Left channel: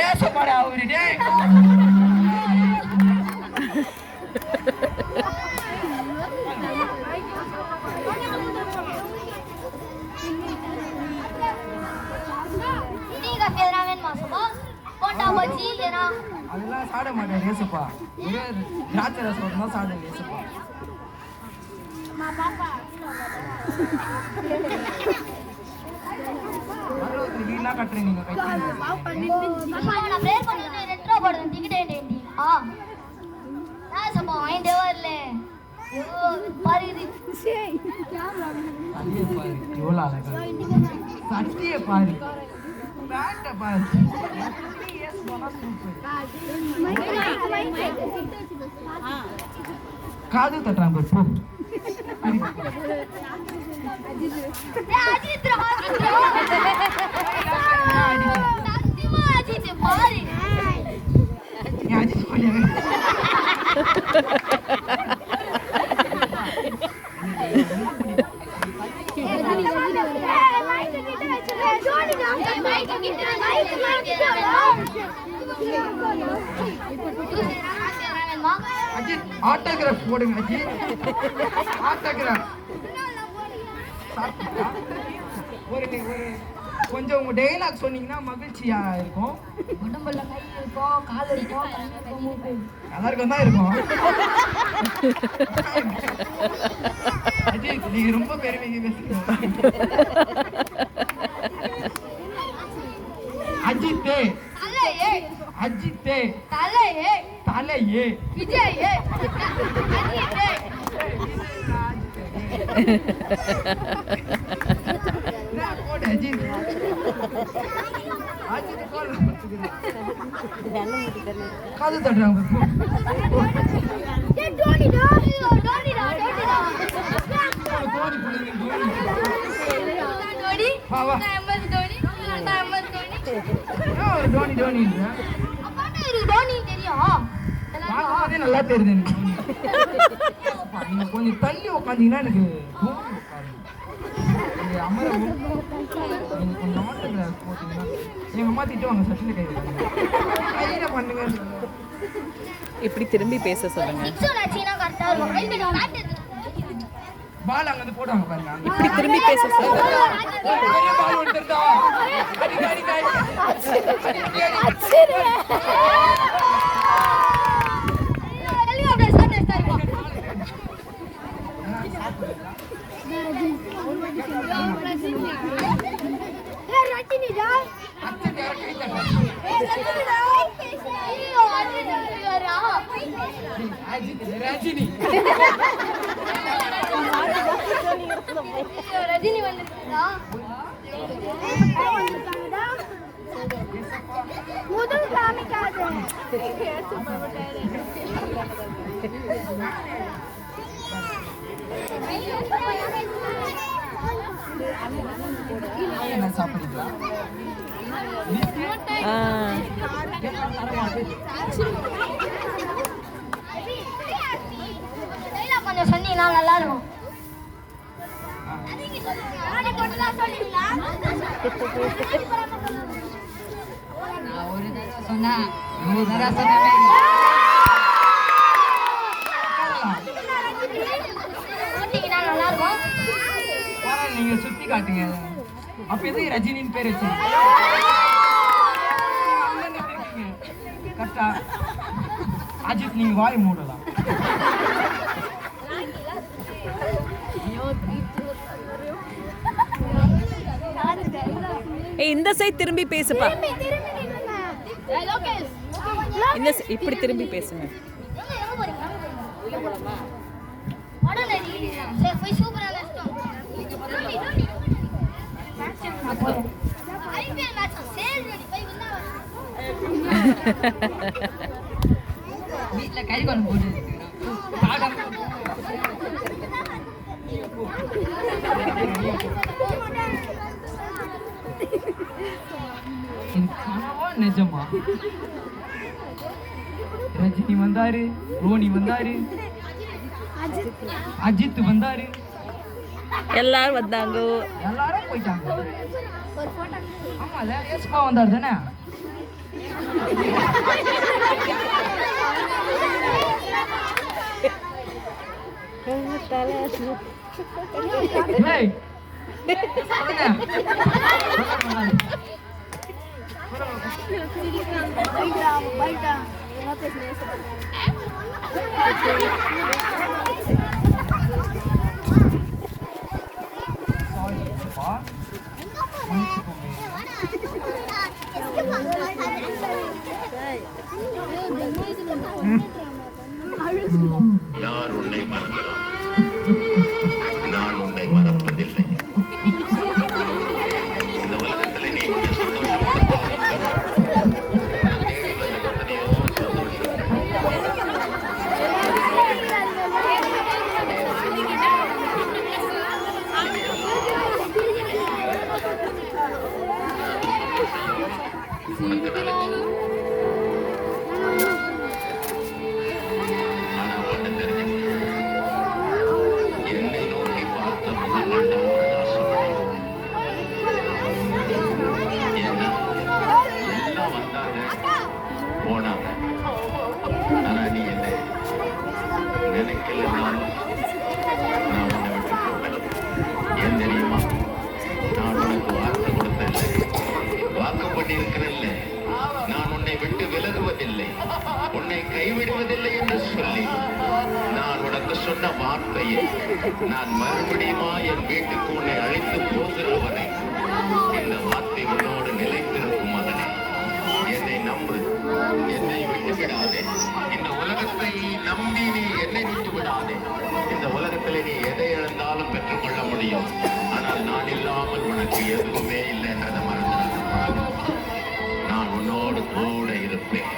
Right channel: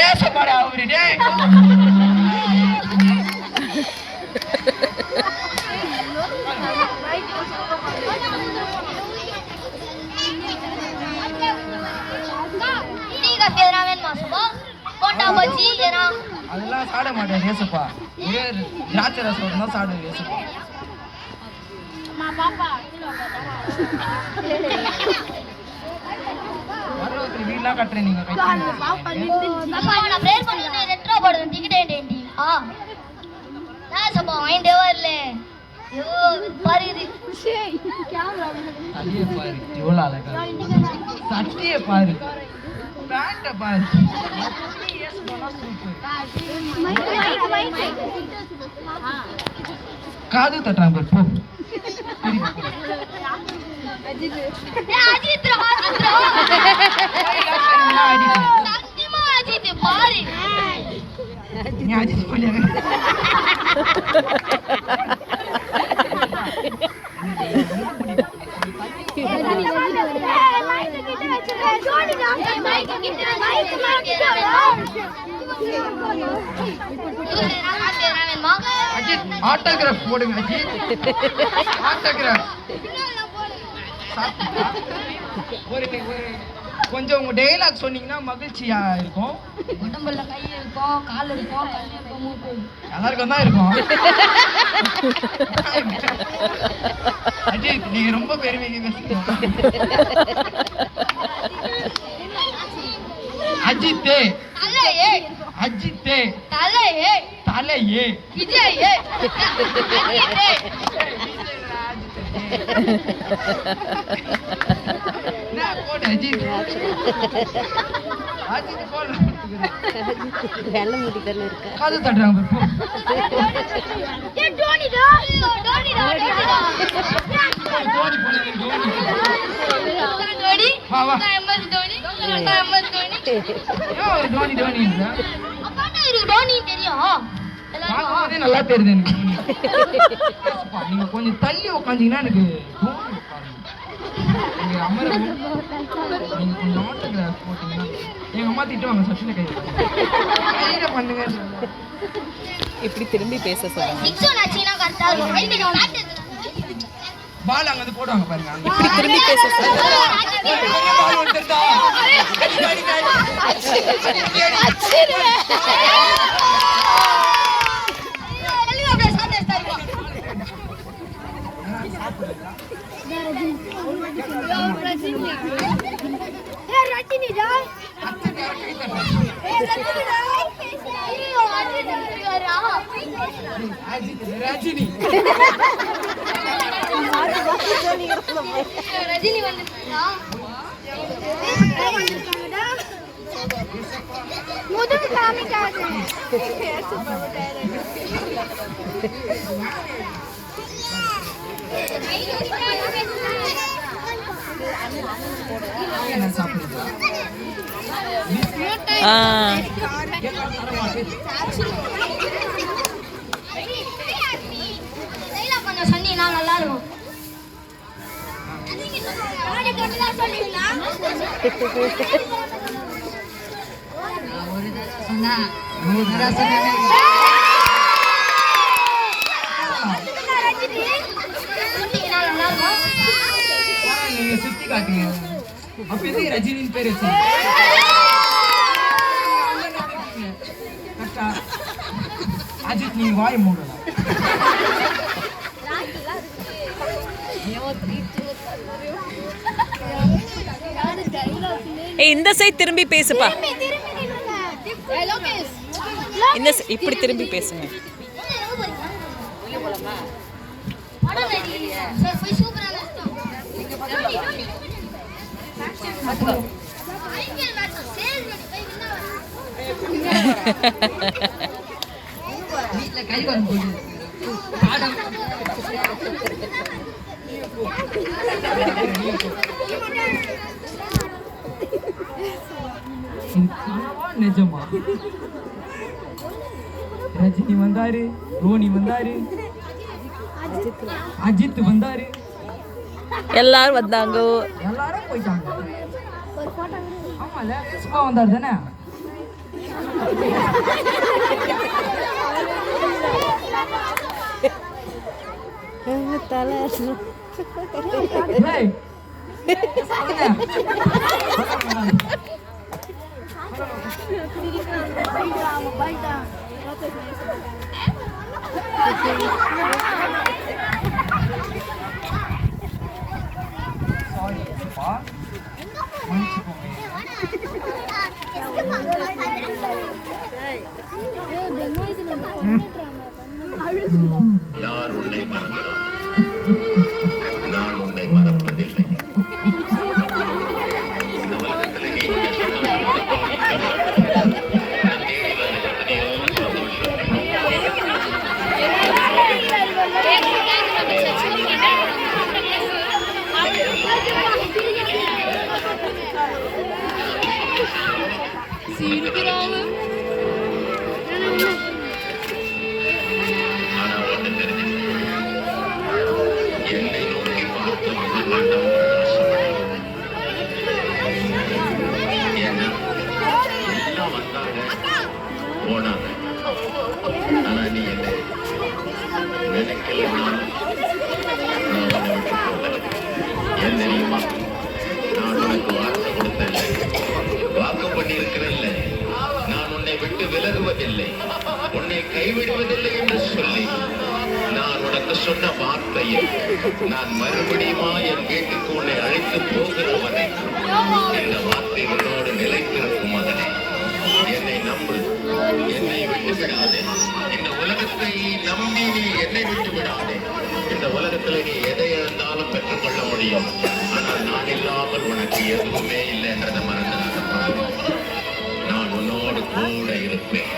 ஏசப்பாடா அவரு டேய். அதெல்லாம் சாட மாட்டேன் ஏசப்பா. ஒரே திராட்சை ரசம் தான் சாப்பிடுவேன் ஏசப்பா. வீடெல்லாம் கட்டுறேன் நீங்க சட்டிய பாரு பாரு. காது தட்டுறாங்க போ. அஜித் ஆட்டோகிராஃப் போடுங்க அஜித். ஆட்டோகிராஃப் ஒரு கொஞ்சம் உங்க டயலாக் சொன்னீங்கன்னா மகிழ்ச்சியா இருக்கும். உடம்புல கை இருக்கும், கால் இருக்கும், கண் இருக்கும், மூக்கு எல்லாருக்கும் தான் இருக்கும். அஜித் நீங்க ரொம்ப பெருமைங்க பேசுறீங்க. அஜித்தே அஜித்தே தலையே தலையே விஜயே காது தட்டுறாங்க. நல்லா தெரியுது எனக்கு. நீங்க கொஞ்சம் தள்ளி உட்காந்தீங்கன்னா எனக்கு அமரவும் நீங்க கொஞ்சம் ஆட்டோகிராஃப் போட்டீங்கன்னா எங்க அம்மா திட்டுவாங்க. சச்சின கையில பண்ணுங்க. இப்படி திரும்பி பேச சொல்லுங்க. பால் அங்க வந்து போடுவாங்க பாருங்க. இப்படி திரும்பி பேச சொல்லுங்க. ரஜினி வந்து என்ன சாப்பிடுறீங்களா? கொஞ்சம் சொன்னீங்கன்னா நல்லா இருக்கும். ஒரு தடவை சொன்னா 100 தடவை சொன்னாலே நல்லா இருக்கும். நீங்க சுத்தி காட்டுங்க. அப்ப எதுக்கு ரஜினின்னு பேர் வச்சு கரெக்டா? அஜித் நீங்க வாய் மூடலாம். இந்த சைடு திரும்பி பேசுப்பா. இந்த இப்படி திரும்பி பேசுங்க. வீட்டுல கை கொண்டு போட்டு நிஜமா ரஜினி வந்தாரு, ரோனி வந்தாரு, அஜித் வந்தாரு, எல்லாரும் வந்தாங்க, எல்லாரும் போயிட்டாங்க. ஆமால ஏசுப்பா வந்தாரு தானே? ஏய், சொல்லுங்க. Sorry, அப்பா. மன்னிச்சுக்கோங்க. யார் உன்னை மறந்தார்? நான் உன்னை மறப்பதில்லை. இந்த உலகத்திலே நீ தேடி வந்த எத்தனையோ சந்தோஷம். ஆனா ஒண்ணு தெரிஞ்சுக்க, என்னை நோக்கி பார்த்த முகமாண்ட ஏன்னா எல்லாம் வந்தாங்க போனாங்க. ஆனா நீ என்ன நினைக்கலனாலும் நான் உன்னை விட்டு போகல. ஏன் தெரியுமா? நான் உனக்கு வார்த்தை கொடுத்தேன், வாக்கு பண்ணியிருக்கிறேன்ல, நான் உன்னை விட்டு விலகுவதில்லை, உன்னை கைவிடுவதில்லை என்று சொல்லி நான் உனக்கு சொன்ன வார்த்தையை நான் மறுபடியுமா என் வீட்டுக்கு உன்னை அழைத்து போகிறவனே. இந்த வார்த்தை உன்னோடு நிலைத்திருக்கும் மகனே. என்னை நம்பு, என்னை விட்டு விடாதே. இந்த உலகத்தை நம்பி நீ என்னை விட்டு விடாதே. இந்த உலகத்தில் நீ எதை இழந்தாலும் பெற்றுக்கொள்ள முடியும். ஆனால் நான் இல்லாமல் உனக்கு எதுவுமே இல்லை என்றதை மறந்துடாதப்பா. நான் உன்னோடு கூட இருப்பேன்.